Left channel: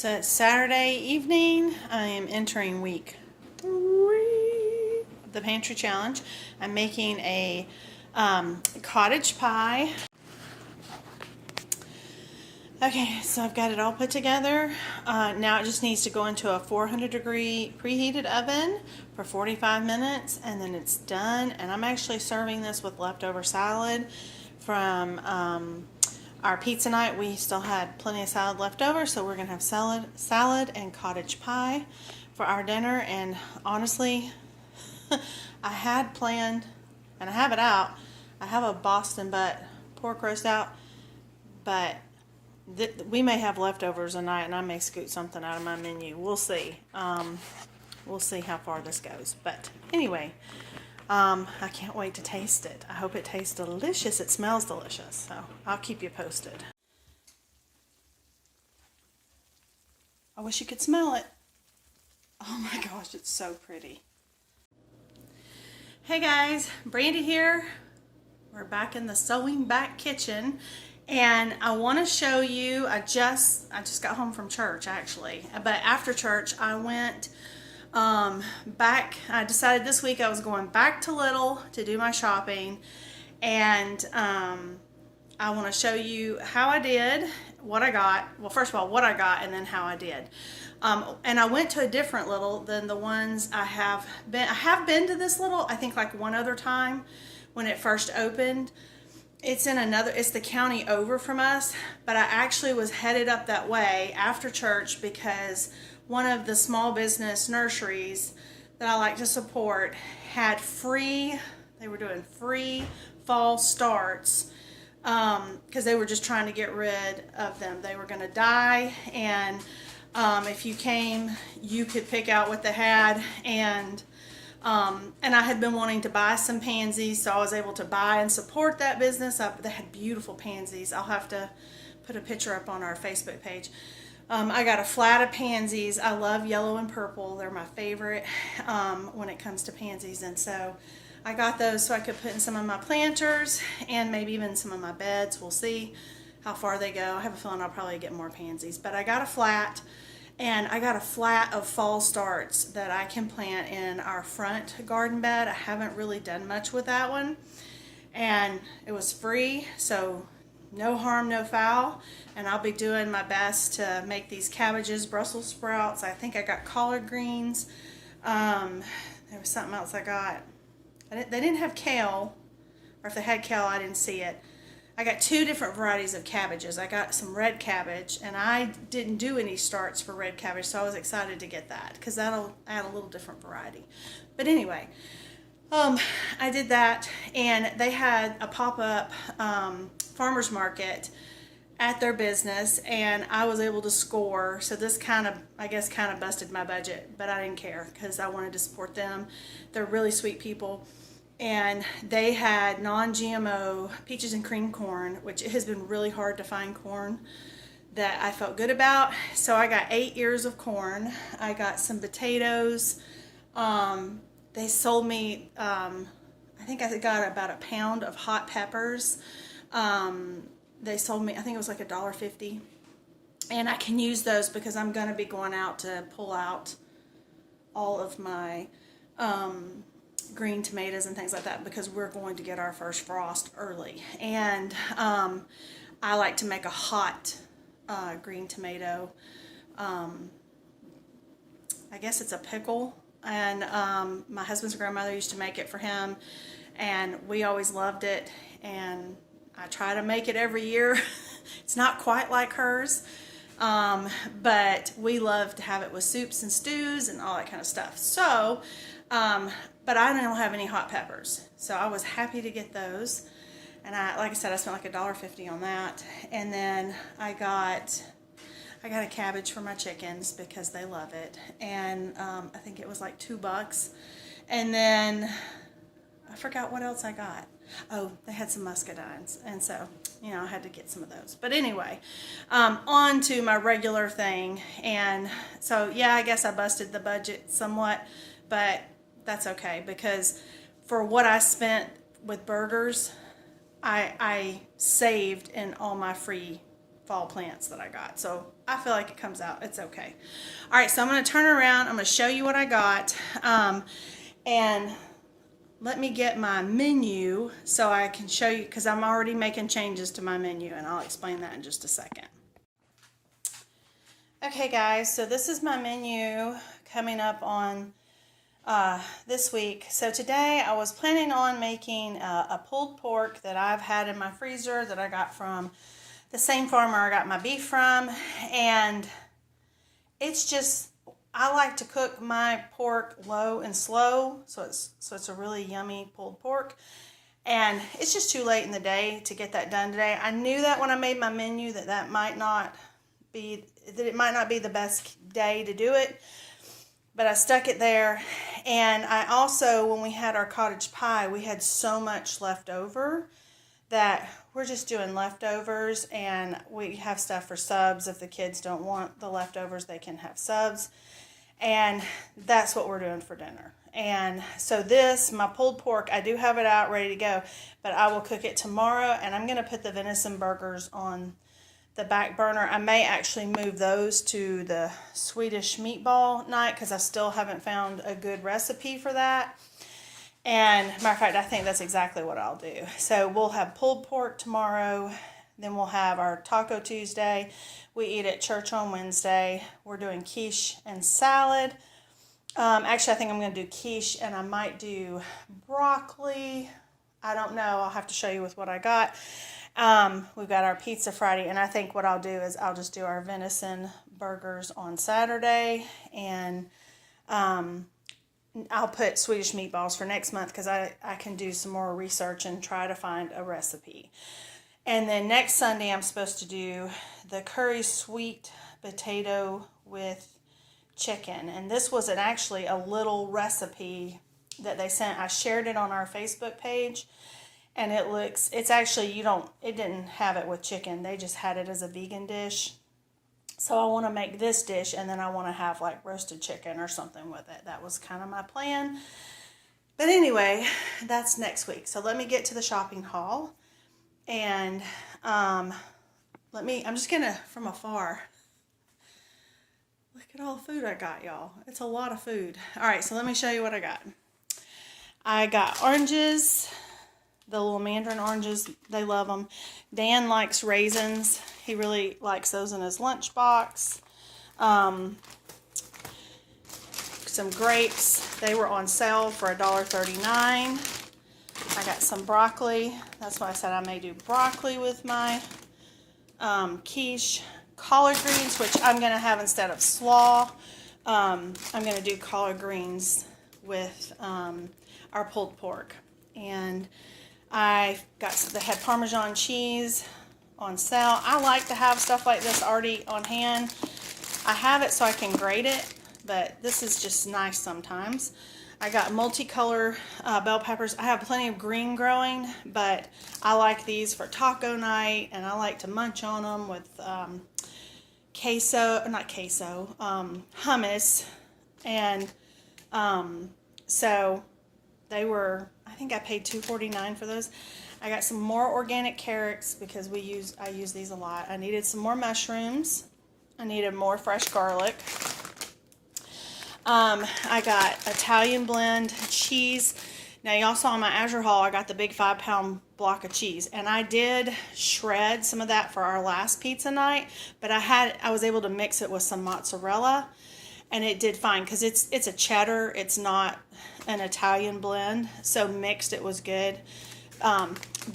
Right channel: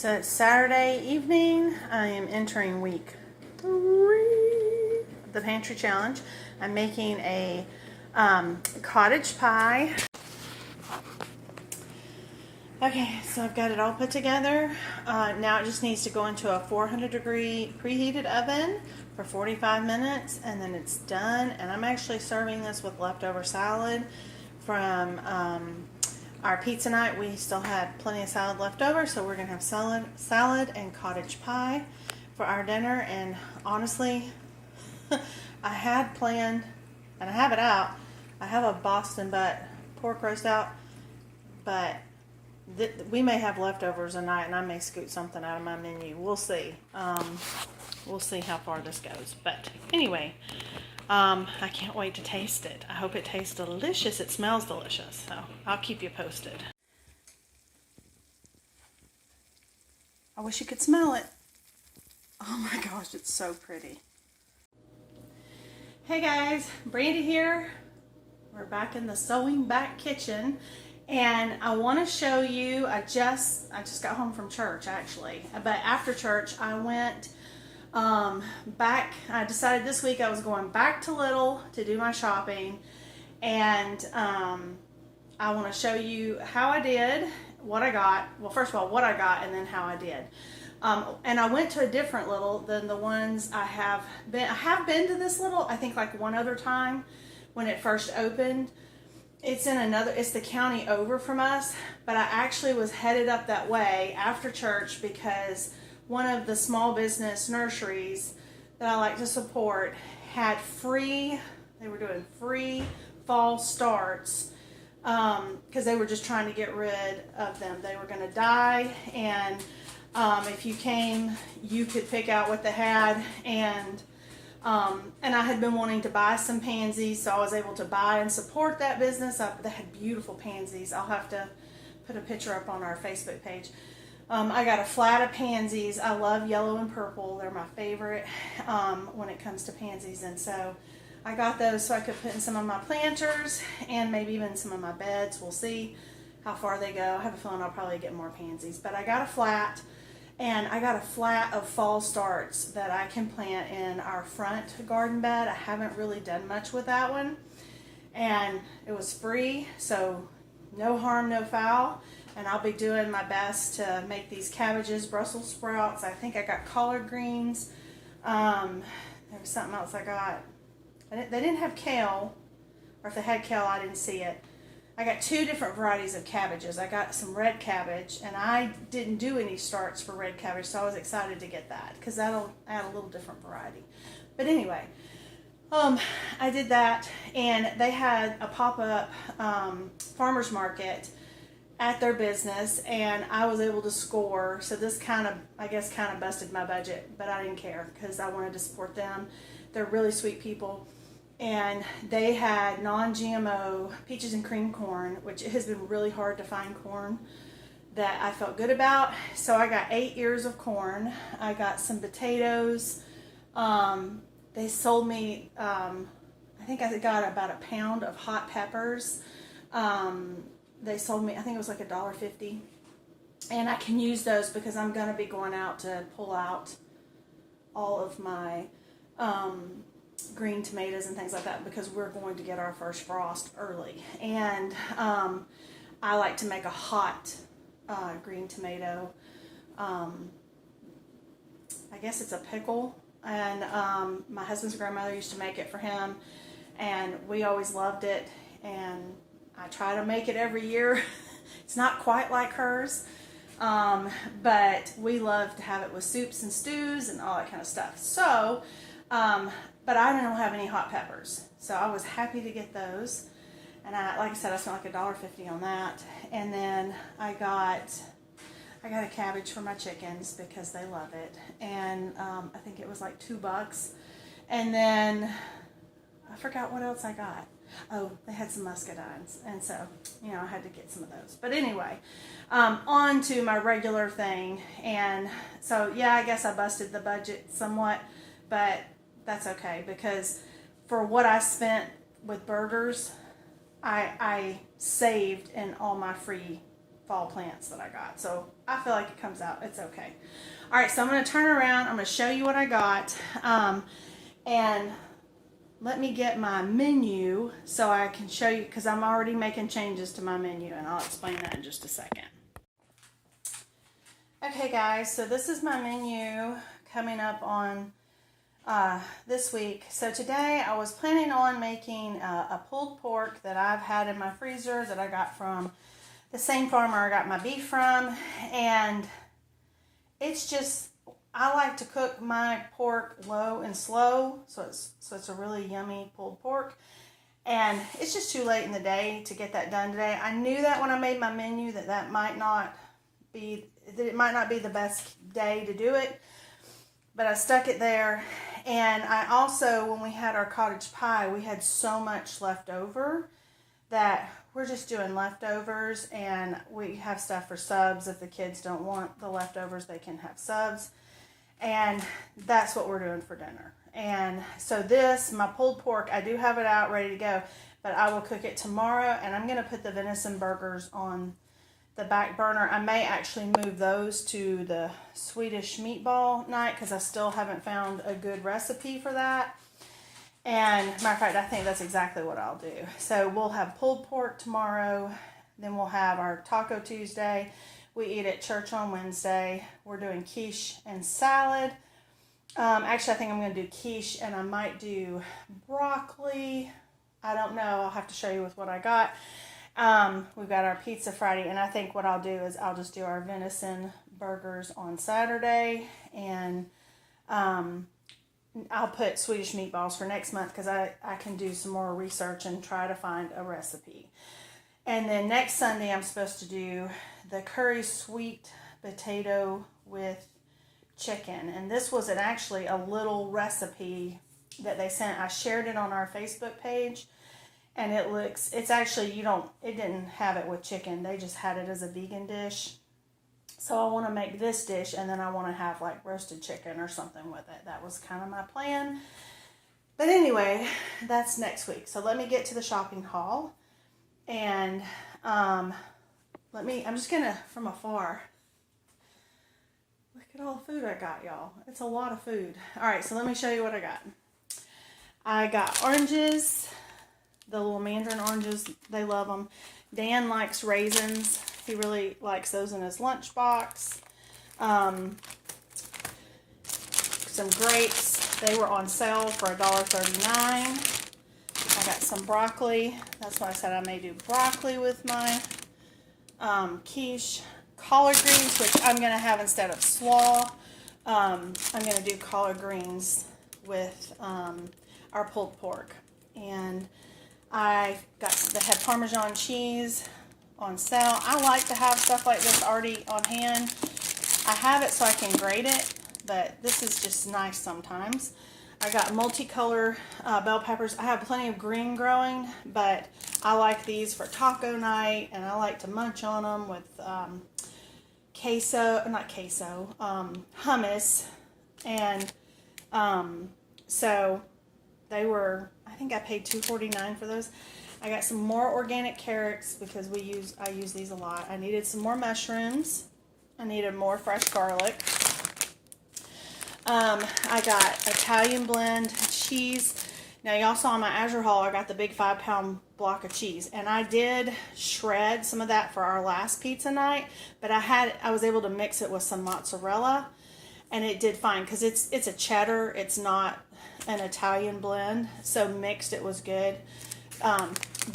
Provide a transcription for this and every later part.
So it's Saturday evening. I am entering week 3 of the Pantry Challenge. I'm making a cottage pie. Okay, so I've got it all put together. Now it just needs to go into a 400-degree preheated oven for 45 minutes, and then it's done. And I'm actually serving this with leftover salad from our pizza night. We still had plenty of salad left over, so we're gonna have salad and cottage pie for our dinner. And honestly, I had planned, and I have it out, I have a Boston butt pork roast out, but we may have leftovers tonight, and I may scoot something out of my menu. We'll see. We'll see how far this goes. But anyway, I can't wait to taste it. I hope it tastes delicious. It smells delicious. So I'll keep you posted. I wish you could smell it. Oh my gosh, it's so pretty. Hey guys, Brandy here. We're back in the Sowing back kitchen. And I want to show you, I just got home from church actually, but after church I went back. I decided this week I was going back to Little to do my shopping, and I want to show you how I did, what I got. Well, first of all, what I got, and then how I did. And I went to a different Little than the ones I have been. I have been to this Little, I think, like one other time when it first opened. It's the county over from us, but I actually was headed up that way after church because one of the small business nurseries that I like to support had they were doing free fall starts because they were just trying to get rid of them. They were going to die, and if you came, you could pick out what they had, and I had been wanting to buy some pansies, so I was able to buy and support that business. They had beautiful pansies. I'll have to put a picture up on our Facebook page. I got a flat of pansies. I love yellow and purple. They're my favorite when it comes to pansies, and so I got those so I could put in some of my planters and maybe even some of my beds. We'll see how far they go. I have a feeling I'll probably get more pansies, but I got a flat. And I got a flat of fall starts that I can plant in our front garden bed. I haven't really done much with that one. And it was free, so no harm, no foul. And I'll be doing my best to make these cabbages, Brussels sprouts. I think I got collard greens. There was something else I got. They didn't have kale, or if they had kale, I didn't see it. I got 2 different varieties of cabbages. I got some red cabbage, and I didn't do any starts for red cabbage, so I was excited to get that because that'll add a little different variety. But anyway, I did that, and they had a pop-up farmer's market at their business, and I was able to score. So this kind of busted my budget, but I didn't care because I wanted to support them. They're really sweet people. And they had non-GMO peaches and cream corn, which it has been really hard to find corn that I felt good about. So I got 8 ears of corn. I got some potatoes. They sold me, I think I got about a pound of hot peppers. They sold me, I think it was like $1.50. And I can use those because I'm going to be going out to pull out all of my green tomatoes and things like that because we're going to get our first frost early. And I like to make a hot green tomato. I guess it's a pickle. And my husband's grandmother used to make it for him, and we always loved it. And I try to make it every year. It's not quite like hers, but we love to have it with soups and stews and all that kind of stuff. So but I don't have any hot peppers, so I was happy to get those. And like I said, I spent like $1.50 on that. And then I got a cabbage for my chickens because they love it. And I think it was like $2. And then I forgot what else I got. Oh, they had some muscadines, and so I had to get some of those. But anyway, on to my regular thing. And so yeah, I guess I busted the budget somewhat, but that's okay because for what I spent with burgers, I saved in all my free fall plants that I got. So I feel like it comes out. It's okay. All right, so I'm going to turn around. I'm going to show you what I got. And let me get my menu so I can show you, because I'm already making changes to my menu, and I'll explain that in just a second. Okay guys, so this is my menu coming up on this week. So today I was planning on making a pulled pork that I've had in my freezer that I got from the same farmer I got my beef from, and it's just, I like to cook my pork low and slow, so it's a really yummy pulled pork. And it's just too late in the day to get that done today. I knew that when I made my menu that it might not be the best day to do it, but I stuck it there. And I also, when we had our cottage pie, we had so much left over that we're just doing leftovers, and we have stuff for subs. If the kids don't want the leftovers, they can have subs. And that's what we're doing for dinner. And so this, my pulled pork, I do have it out ready to go, but I will cook it tomorrow, and I'm going to put the venison burgers on the back burner. I may actually move those to the Swedish meatball night because I still haven't found a good recipe for that. And matter of fact, I think that's exactly what I'll do. So we'll have pulled pork tomorrow, then we'll have our Taco Tuesday. We eat at church on Wednesday. We're doing quiche and salad. Actually, I think I'm going to do quiche, and I might do broccoli. I don't know. I'll have to show you with what I got. We've got our pizza Friday, and I think what I'll do is I'll just do our venison burgers on Saturday, and I'll put Swedish meatballs for next month because I can do some more research and try to find a recipe. And then next Sunday, I'm supposed to do the curry sweet potato with chicken. And this was actually a little recipe that they sent. I shared it on our Facebook page. And it's actually, it didn't have it with chicken. They just had it as a vegan dish. So I want to make this dish, and then I want to have like roasted chicken or something with it. That was kind of my plan. But anyway, that's next week. So let me get to the shopping haul. And I'm just going to, from afar, look at all the food I got, y'all. It's a lot of food. All right, so let me show you what I got. I got oranges, the little mandarin oranges. They love them. Dan likes raisins. He really likes those in his lunchbox. Some grapes. They were on sale for $1.39. I got some broccoli. That's why I said I may do broccoli with my quiche. Collard greens, which I'm going to have instead of slaw. I'm going to do collard greens with our pulled pork. And I had Parmesan cheese on sale. I like to have stuff like this already on hand. I have it so I can grate it, but this is just nice sometimes. I got multicolor bell peppers. I have plenty of green growing, but I like these for taco night, and I like to munch on them with hummus. And so they were, I think I paid $2.49 for those. I got some more organic carrots because I use these a lot. I needed some more mushrooms. I needed more fresh garlic. I got Italian blend cheese. Now y'all saw in my Azure haul, I got the big 5-pound block of cheese, and I did shred some of that for our last pizza night, but I was able to mix it with some mozzarella, and it did fine because it's a cheddar. It's not an Italian blend, so mixed it was good.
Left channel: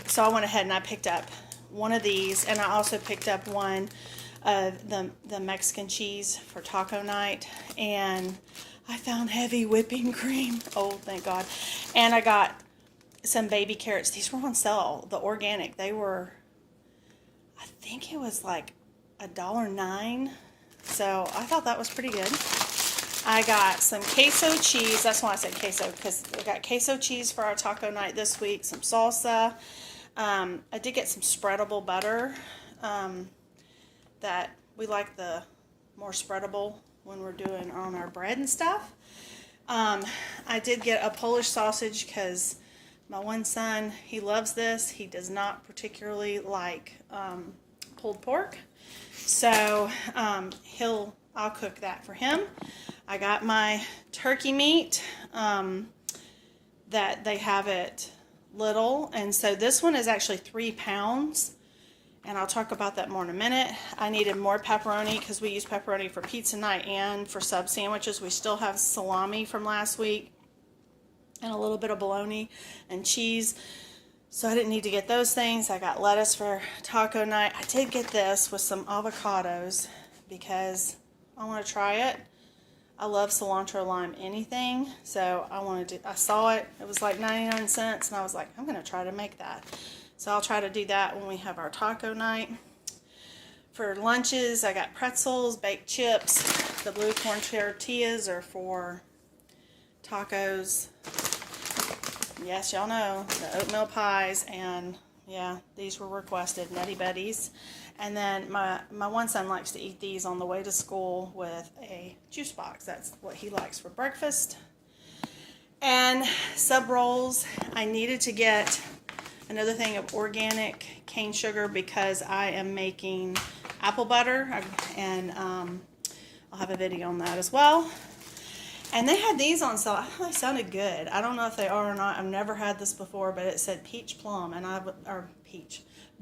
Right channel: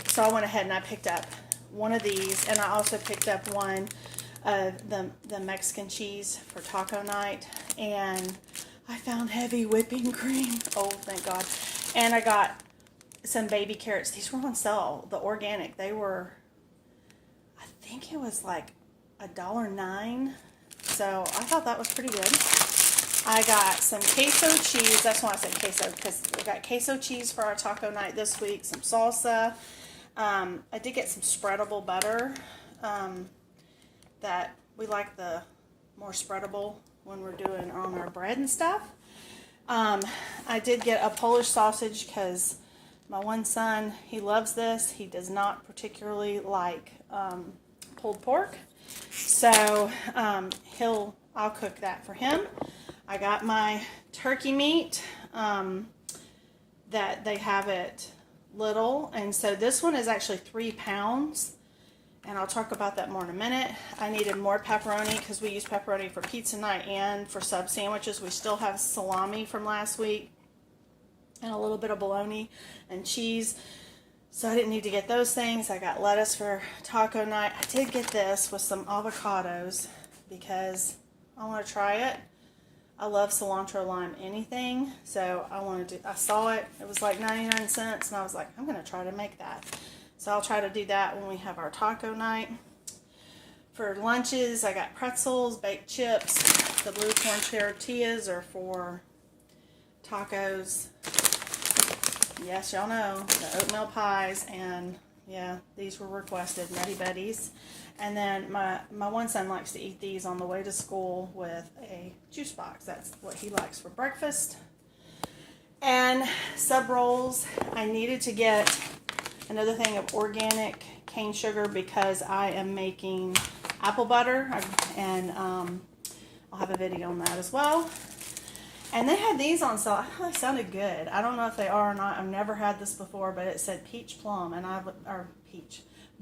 So I went ahead and I picked up one of these, and I also picked up one of the Mexican cheese for taco night, and I found heavy whipping cream. Oh, thank God. And I got some baby carrots. These were on sale, the organic. They were, I think it was like $1.09. So I thought that was pretty good. I got some queso cheese. That's why I said queso, because we got queso cheese for our taco night this week. Some salsa. I did get some spreadable butter. That we like the more spreadable when we're doing on our bread and stuff. I did get a Polish sausage because my one son, he loves this. He does not particularly like pulled pork. So I'll cook that for him. I got my turkey meat that they have it little, and so this one is actually 3 pounds, and I'll talk about that more in a minute. I needed more pepperoni because we use pepperoni for pizza night and for sub sandwiches. We still have salami from last week and a little bit of bologna and cheese, so I didn't need to get those things. I got lettuce for taco night. I did get this with some avocados because I want to try it. I love cilantro lime anything, so I saw it. It was like 99 cents, and I was like, I'm going to try to make that. So I'll try to do that when we have our taco night. For lunches, I got pretzels, baked chips. The blue corn tortillas are for tacos. Yes, y'all know, the oatmeal pies, and yeah, these were requested, Nutty Buddies. And then my one son likes to eat these on the way to school with a juice box. That's what he likes for breakfast. And sub rolls, I needed to get another thing of organic cane sugar because I am making apple butter, and I'll have a video on that as well. And they had these on sale. I thought they sounded good. I don't know if they are or not. I've never had this before, but it said peach plum,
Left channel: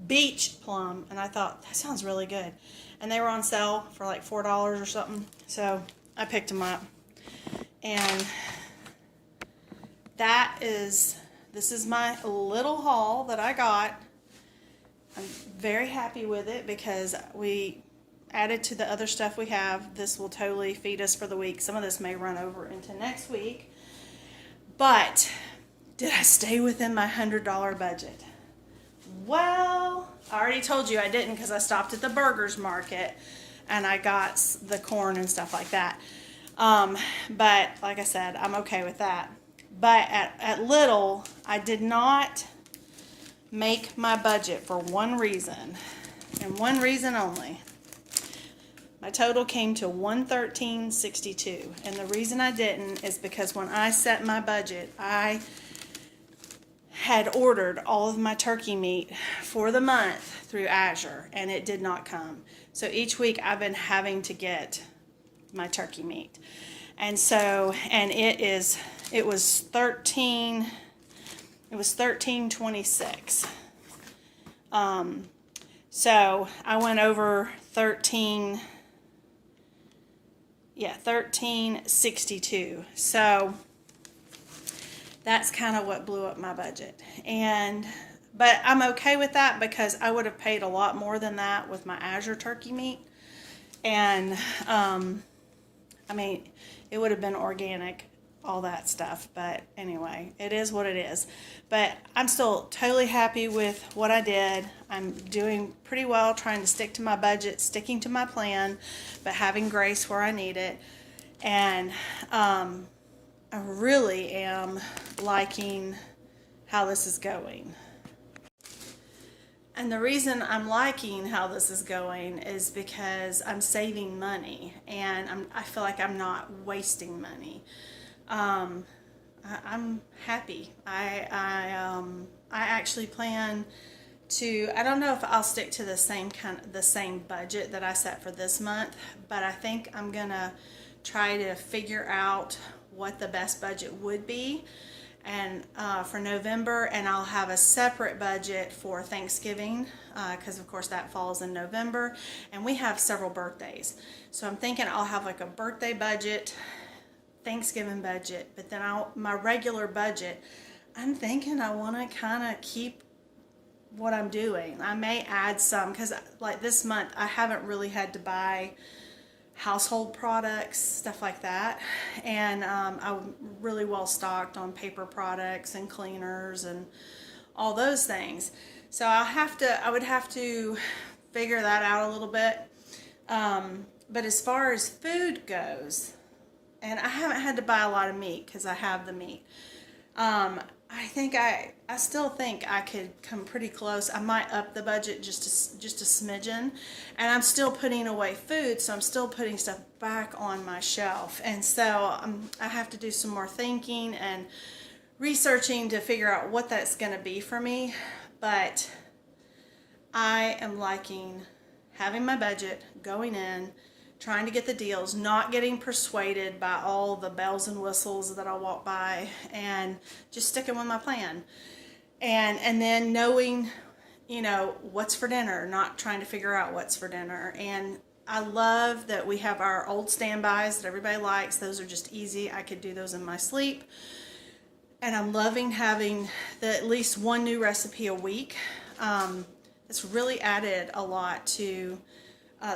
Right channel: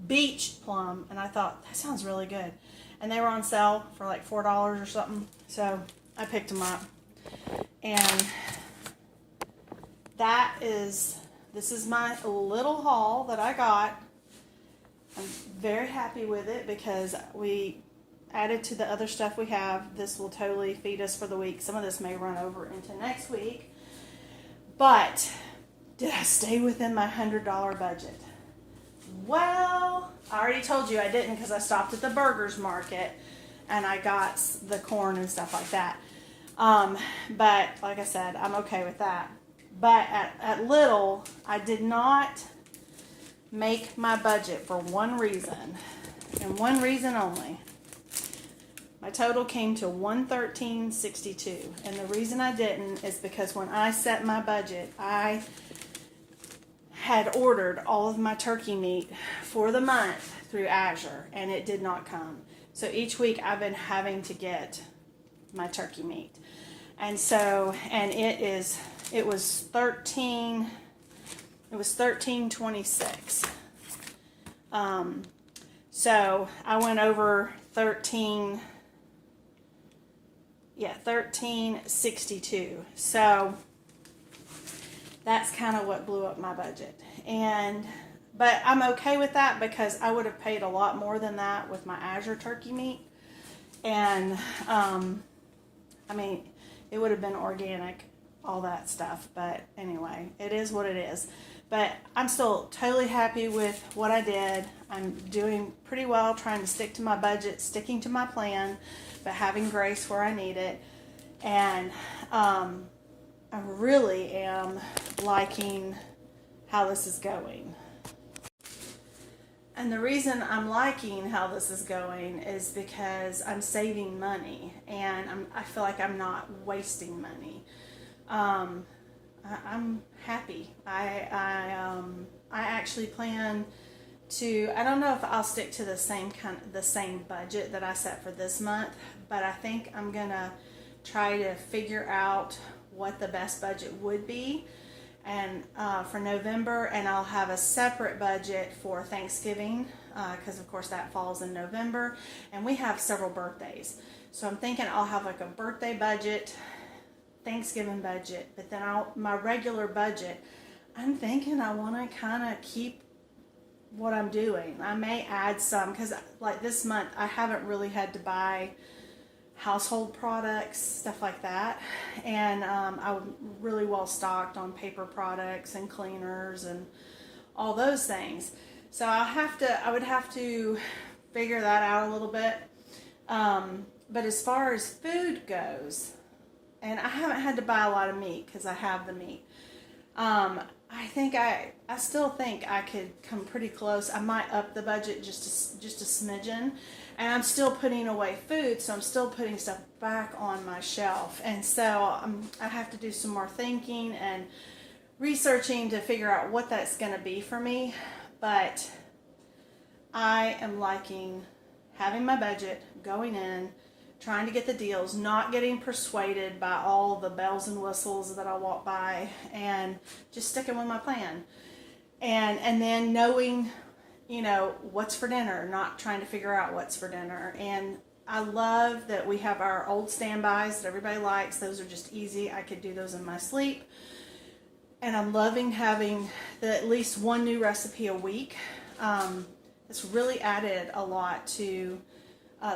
beach plum, and I thought that sounds really good. And they were on sale for like $4 or something, so I picked them up. And this is my little haul that I got. I'm very happy with it because we added to the other stuff we have. This will totally feed us for the week. Some of this may run over into next week. But did I stay within my $100 budget? Well, I already told you I didn't because I stopped at the burgers market and I got the corn and stuff like that. But like I said, I'm okay with that. But at Little, I did not make my budget for one reason, and one reason only. My total came to $113.62, and the reason I didn't is because when I set my budget, I had ordered all of my turkey meat for the month through Azure, and it did not come. So each week I've been having to get my turkey meat, and it was $13.26. So I went over $13.62. So that's kind of what blew up my budget. But I'm okay with that because I would have paid a lot more than that with my Azure turkey meat. And I mean, it would have been organic, all that stuff. But anyway, it is what it is. But I'm still totally happy with what I did. I'm doing pretty well, trying to stick to my budget, sticking to my plan, but having grace where I need it. And I really am liking how this is going. And the reason I'm liking how this is going is because I'm saving money, and I feel like I'm not wasting money. I'm happy. I actually plan to, I don't know if I'll stick to the same budget that I set for this month, but I think I'm gonna try to figure out what the best budget would be, and for November, and I'll have a separate budget for Thanksgiving because of course that falls in November, and we have several birthdays, so I'm thinking I'll have like a birthday budget, Thanksgiving budget, but then my regular budget, I'm thinking I want to kind of keep what I'm doing. I may add some because like this month I haven't really had to buy household products, stuff like that, and I'm really well stocked on paper products and cleaners and all those things. So I would have to figure that out a little bit. But as far as food goes, and I haven't had to buy a lot of meat because I have the meat. I still think I could come pretty close. I might up the budget just a smidgen, and I'm still putting away food, so I'm still putting stuff back on my shelf. And so I have to do some more thinking and researching to figure out what that's going to be for me. But I am liking having my budget, going in, trying to get the deals, not getting persuaded by all the bells and whistles that I walk by, and just sticking with my plan. And then knowing, you know, what's for dinner, not trying to figure out what's for dinner. And I love that we have our old standbys that everybody likes. Those are just easy. I could do those in my sleep. And I'm loving having at least one new recipe a week. It's really added a lot to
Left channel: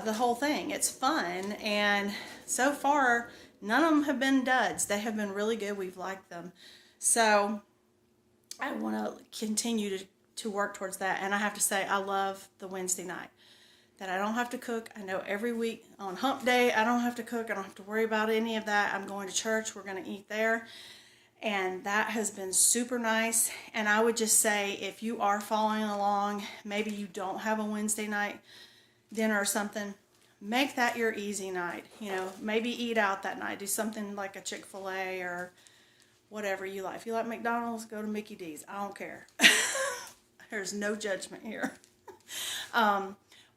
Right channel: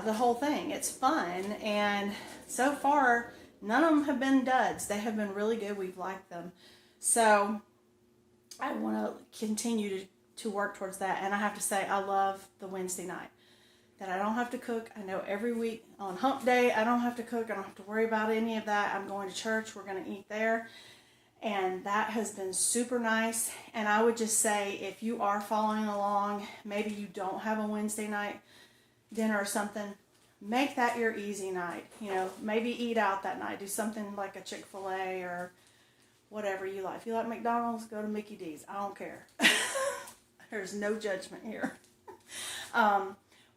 the whole thing. It's fun, and so far none of them have been duds. They have been really good. We've liked them. So I want to continue to work towards that. And I have to say, I love the Wednesday night. That I don't have to cook. I know every week on hump day, I don't have to cook. I don't have to worry about any of that. I'm going to church. We're going to eat there. And that has been super nice. And I would just say, if you are following along, maybe you don't have a Wednesday night dinner or something, make that your easy night. You know, maybe eat out that night. Do something like a Chick-fil-A or whatever you like. If you like McDonald's, go to Mickey D's. I don't care. There's no judgment here.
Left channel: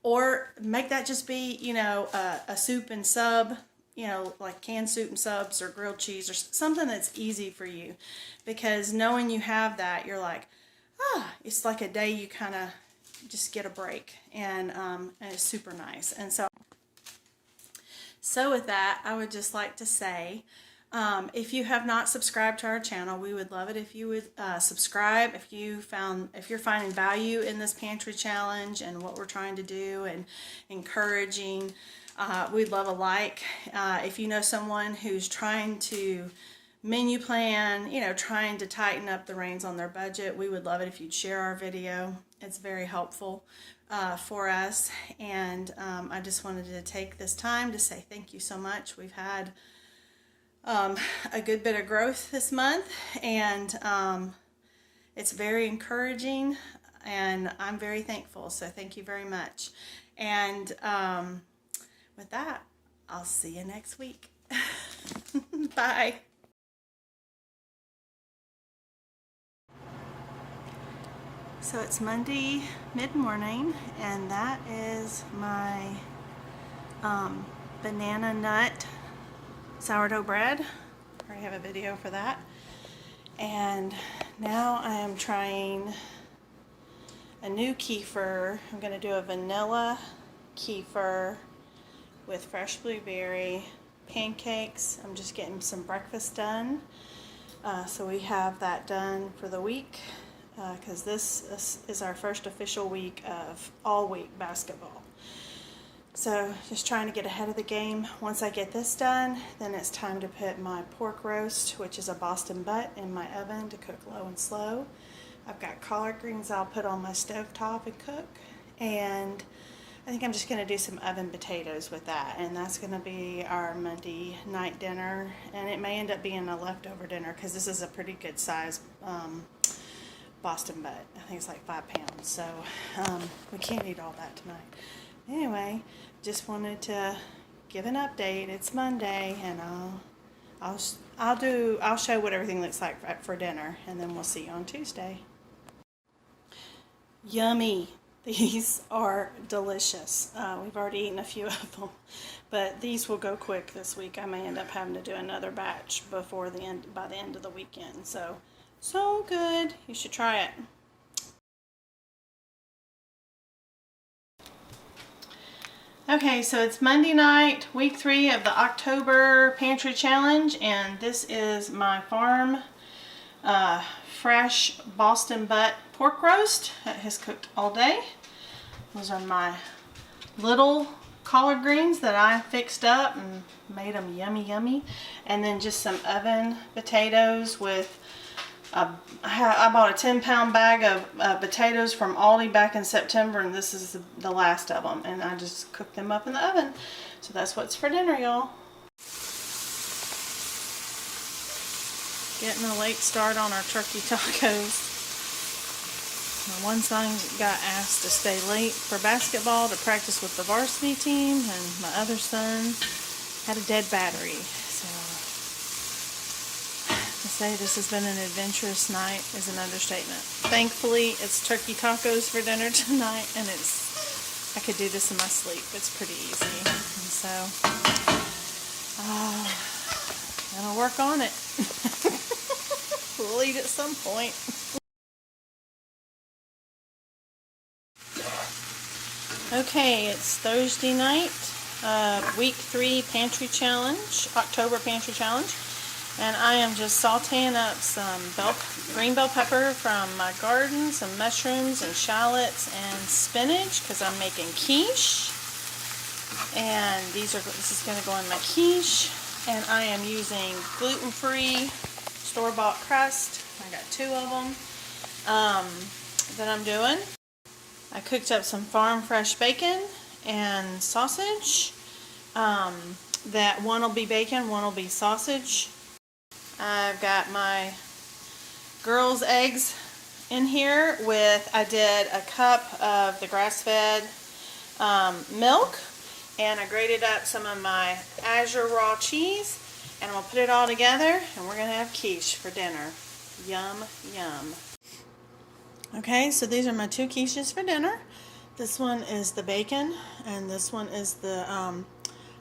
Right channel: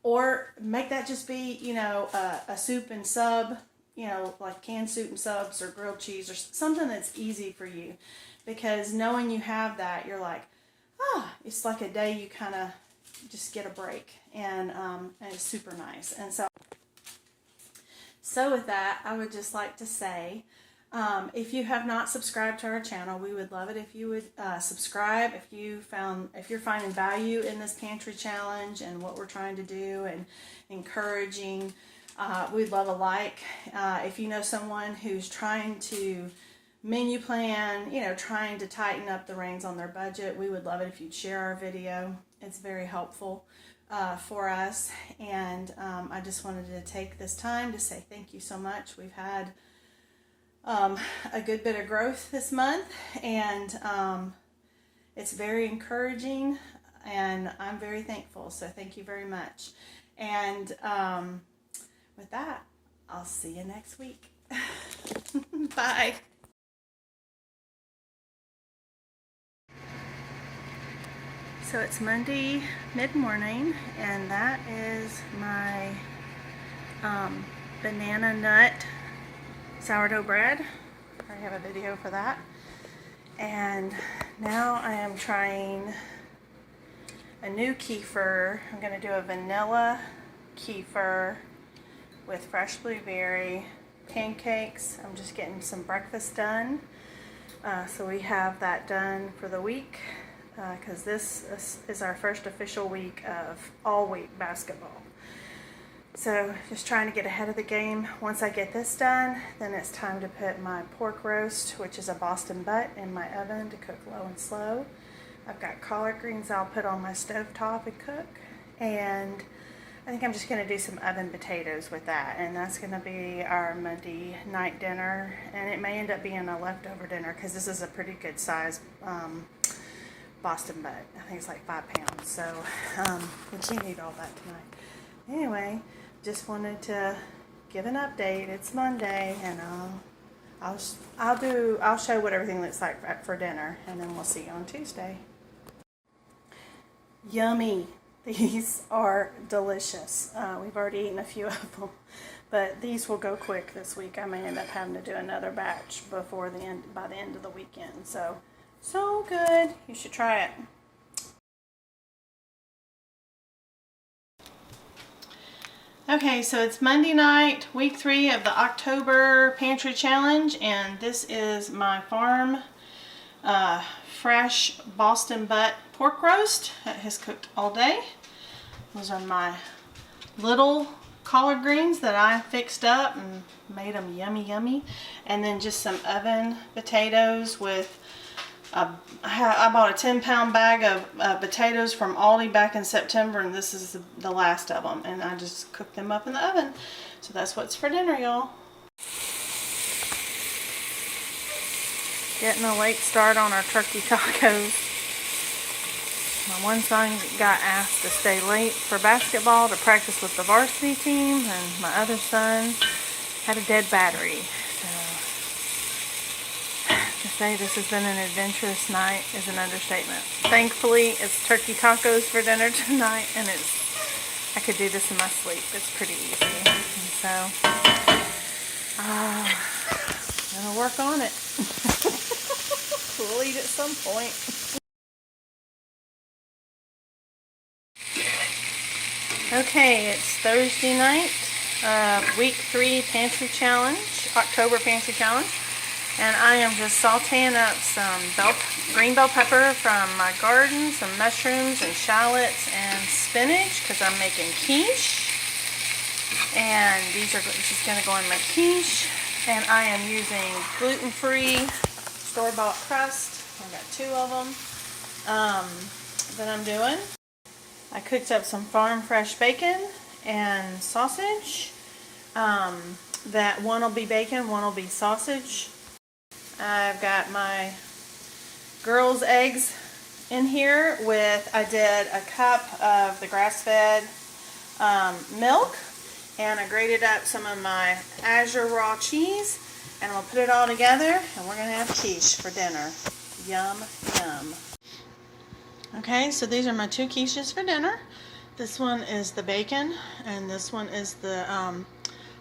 Or make that just be, you know, a soup and sub, you know, like canned soup and subs or grilled cheese or something that's easy for you. Because knowing you have that, you're like, it's like a day you kind of just get a break. And it's super nice. And so with that, I would just like to say, if you have not subscribed to our channel, we would love it if you would subscribe. If you're finding value in this pantry challenge and what we're trying to do and encouraging, we'd love a like. If you know someone who's trying to menu plan, you know, trying to tighten up the reins on their budget, we would love it if you'd share our video. It's very helpful for us. And I just wanted to take this time to say thank you so much. We've had a good bit of growth this month, and it's very encouraging, and I'm very thankful. So thank you very much. And with that, I'll see you next week. Bye. So it's Monday mid-morning, and that is my banana nut sourdough bread. I have a video for that. And now I am trying a new kefir. I'm going to do a vanilla kefir with fresh blueberry pancakes. I'm just getting some breakfast done. So we have that done for the week, because this is our first official week of all week basketball. So just trying to get ahead of the game. Once I get this done, then it's time to put my pork roast, which is a Boston butt, in my oven to cook low and slow. I've got collard greens I'll put on my stovetop and cook. And I think I'm just going to do some oven potatoes with that. And that's going to be our Monday night dinner. And it may end up being a leftover dinner, because this is a pretty good size Boston butt. I think it's like 5 pounds. So we can't eat all that tonight. Anyway, just wanted to give an update. It's Monday, and I'll show what everything looks like for dinner, and then we'll see you on Tuesday. Yummy! These are delicious. We've already eaten a few of them, but these will go quick this week. I may end up having to do another batch by the end of the weekend. So good. You should try it. Okay, so it's Monday night, week 3 of the October Pantry Challenge, and this is my farm fresh Boston butt pork roast that has cooked all day. Those are my little collard greens that I fixed up and made them yummy, yummy. And then just some oven potatoes with I bought a 10-pound bag of potatoes from Aldi back in September, and this is the last of them, and I just cooked them up in the oven. So that's what's for dinner, y'all. Getting a late start on our turkey tacos. My one son got asked to stay late for basketball to practice with the varsity team, and my other son had a dead battery. To say this has been an adventurous night is an understatement. Thankfully, it's turkey tacos for dinner tonight, and it's I could do this in my sleep. It's pretty easy. And so, I'm gonna work on it. We'll eat at some point. Okay, it's Thursday night, week 3 pantry challenge, October pantry challenge, and I am just sauteing up some green bell pepper from my garden, some mushrooms and shallots and spinach because I'm making quiche, and this is going to go in my quiche, and I am using gluten-free store-bought crust. I got 2 of them that I'm doing. I cooked up some farm fresh bacon and sausage. That one will be bacon, one will be sausage. I've got my girls' eggs in here I did a cup of the grass-fed milk, and I grated up some of my Azure raw cheese, and I'm going to put it all together, and we're going to have quiche for dinner. Yum, yum. Okay, so these are my 2 quiches for dinner. This one is the bacon, and this one is the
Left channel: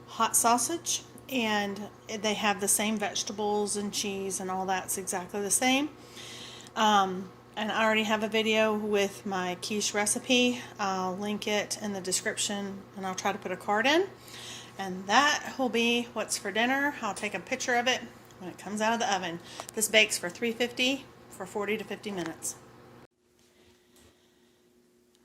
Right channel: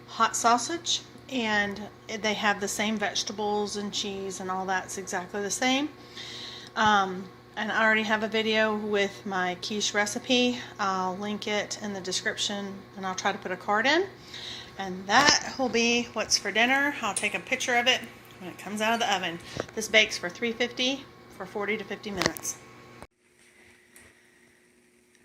hot sausage. And they have the same vegetables and cheese and all that's exactly the same. And I already have a video with my quiche recipe. I'll link it in the description, and I'll try to put a card in. And that will be what's for dinner. I'll take a picture of it when it comes out of the oven. This bakes for 350 for 40 to 50 minutes.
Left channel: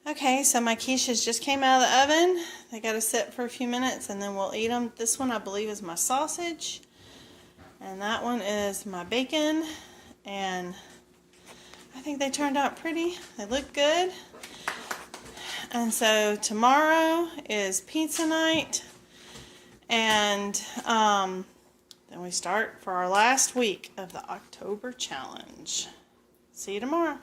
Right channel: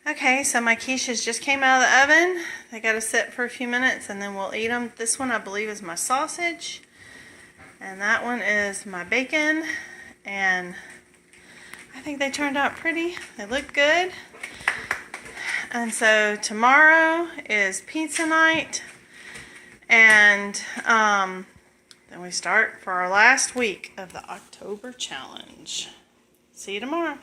Okay, so my quiches just came out of the oven. They got to sit for a few minutes and then we'll eat them. This one I believe is my sausage, and that one is my bacon, and I think they turned out pretty. They look good. And so tomorrow is pizza night, and then we start for our last week of the October challenge. See you tomorrow.